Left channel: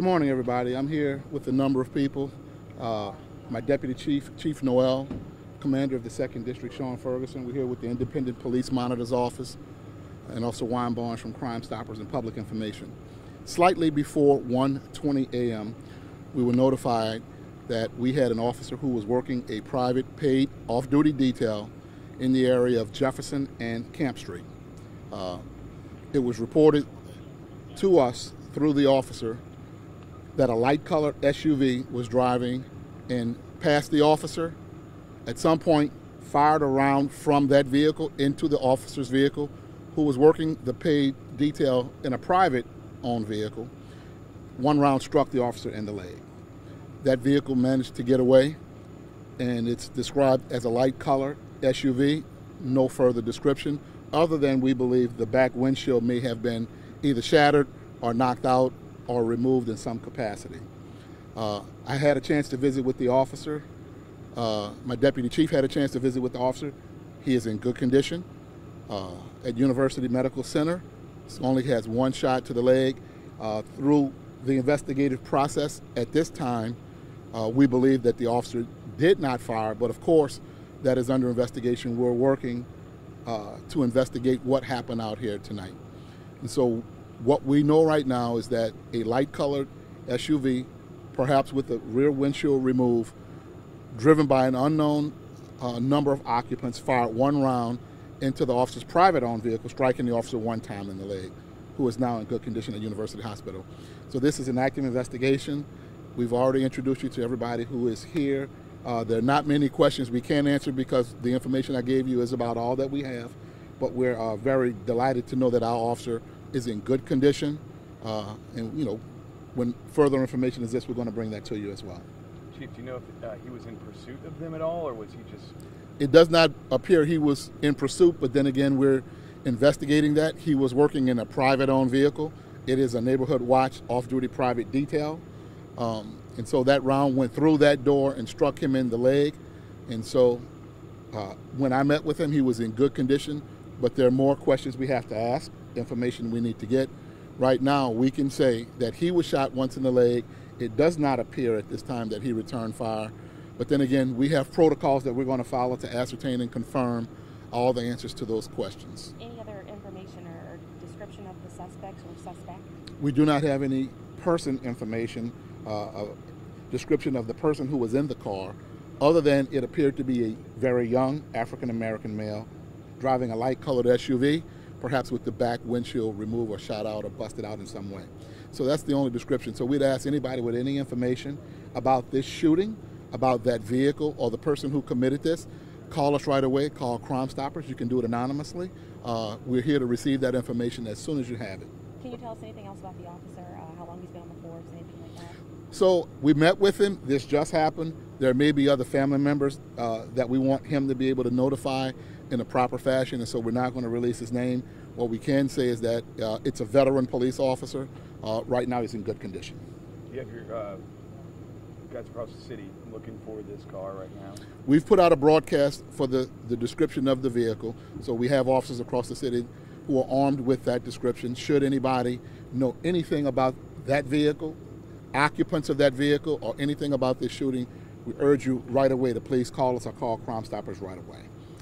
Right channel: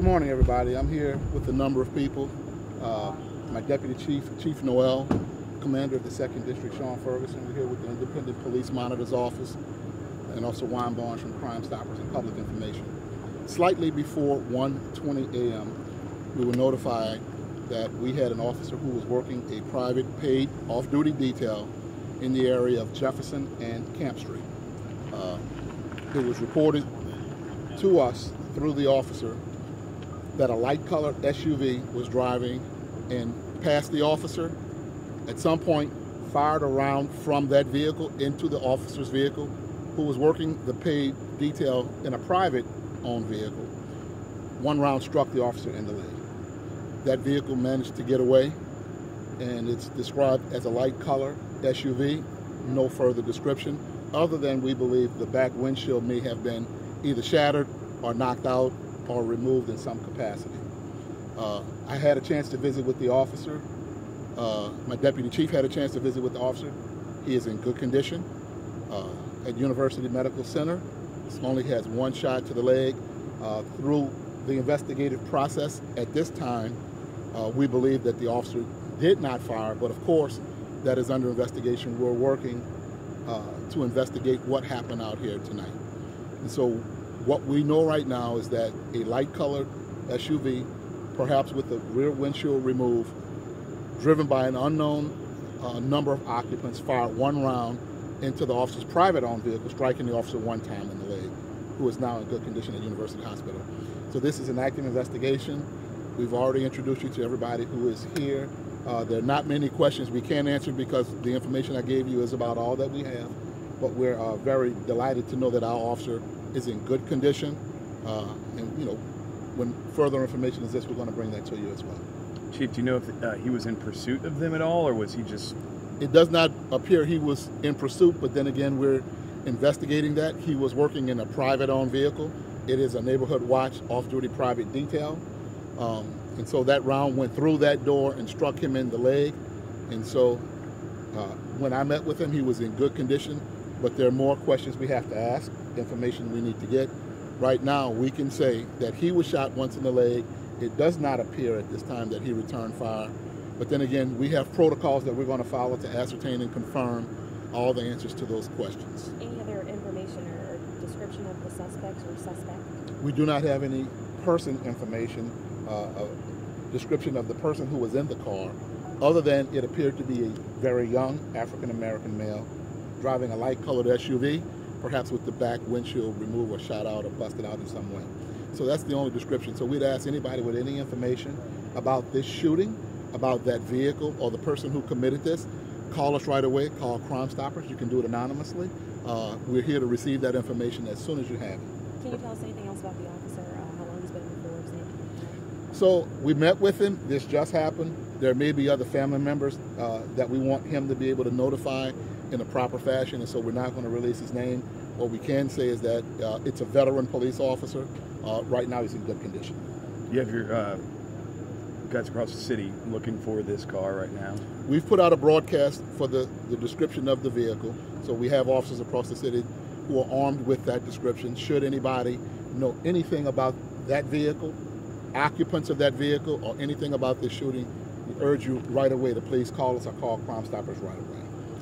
Good morning, everybody. I'm here with a number of people. My Deputy Chief, Chief Noel, Commander of the 2nd District, Sean Ferguson. We're here with the Independent Police Monitor's Office, and also Wine Barnes from Crime Stoppers and Public Information. Slightly before 1:20 a.m., we were notified that we had an officer who was working a private paid off-duty detail in the area of Jefferson and Camp Street. It was reported to us through the officer that a light-colored SUV was driving and passed the officer. At some point, fired a round from that vehicle into the officer's vehicle, who was working the paid detail in a private-owned vehicle. One round struck the officer in the leg. That vehicle managed to get away, and it's described as a light-colored SUV. No further description, other than we believe the back windshield may have been either shattered or knocked out or removed in some capacity. I had a chance to visit with the officer. My Deputy Chief had a chance to visit with the officer. He is in good condition. At University Medical Center, only has one shot to the leg. Through the investigative process at this time, we believe that the officer did not fire, but of course that is under investigation. We're working to investigate what happened out here tonight. And so what we know right now is that a light-colored SUV, perhaps with the rear windshield removed, driven by an unknown number of occupants, fired one round into the officer's private-owned vehicle, striking the officer one time in the leg, who is now in good condition at University Hospital. So this is an active investigation. We've already introduced you to everybody who is here. There are not many questions we can answer because the information I gave you is about all that we have, but we're very delighted to know that our officer is in good condition, and you know, when further information is this, we're going to bring that to you as well. Chief, do you know if he was in pursuit of them at all, or was he just... It does not appear he was in pursuit, but then again, we're investigating that. He was working in a private-owned vehicle. It is a neighborhood watch off-duty private detail, and so that round went through that door and struck him in the leg. And so when I met with him, he was in good condition, but there are more questions we have to ask, information we need to get. Right now, we can say that he was shot once in the leg. It does not appear at this time that he returned fire. But then again, we have protocols that we're going to follow to ascertain and confirm all the answers to those questions. Any other information or description of the suspects or suspect? We do not have any person information, description of the person who was in the car, other than it appeared to be a very young African-American male driving a light-colored SUV, perhaps with the back windshield removed or shot out or busted out in some way. So that's the only description. So we'd ask anybody with any information about this shooting, about that vehicle or the person who committed this, call us right away, call Crime Stoppers. You can do it anonymously. We're here to receive that information as soon as you have it. Can you tell us anything else about the officer, how long he's been on the force? So we met with him. This just happened. There may be other family members that we want him to be able to notify in a proper fashion, and so we're not going to release his name. What we can say is that it's a veteran police officer. Right now he's in good condition. You have your guys across the city looking for this car right now? We've put out a broadcast for the description of the vehicle, so we have officers across the city who are armed with that description. Should anybody know anything about that vehicle, occupants of that vehicle, or anything about this shooting, we urge you right away to please call us or call Crime Stoppers right away.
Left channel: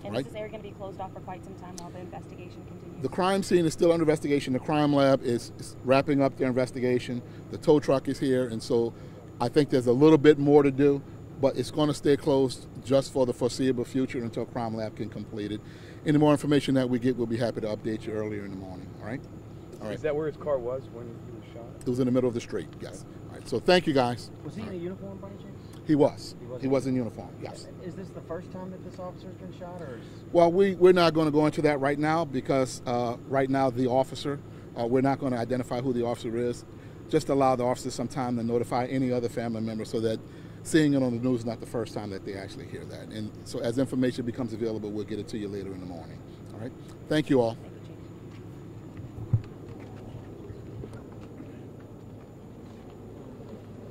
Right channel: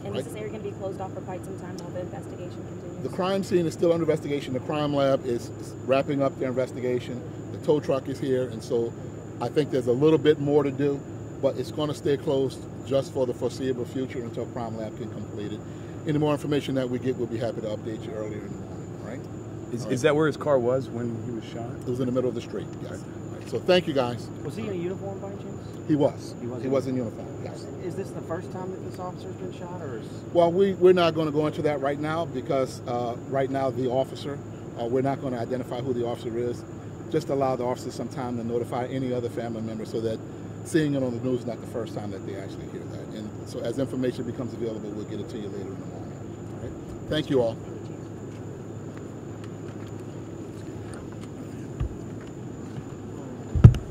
And is this area going to be closed off for quite some time while the investigation continues? The crime scene is still under investigation. The crime lab is wrapping up their investigation. The tow truck is here, and so I think there's a little bit more to do, but it's going to stay closed just for the foreseeable future until crime lab can complete it. Any more information that we get, we'll be happy to update you earlier in the morning. All right? Is that where his car was when he was shot? It was in the middle of the street, yes. All right, so thank you, guys. Was he in a uniform by any chance? He was. He was in uniform, yes. Is this the first time that this officer's been shot, or is... Well, we're not going to go into that right now because right now the officer, we're not going to identify who the officer is. Just allow the officer some time to notify any other family member so that seeing it on the news is not the first time that they actually hear that. And so as information becomes available, we'll get it to you later in the morning. All right? Thank you all.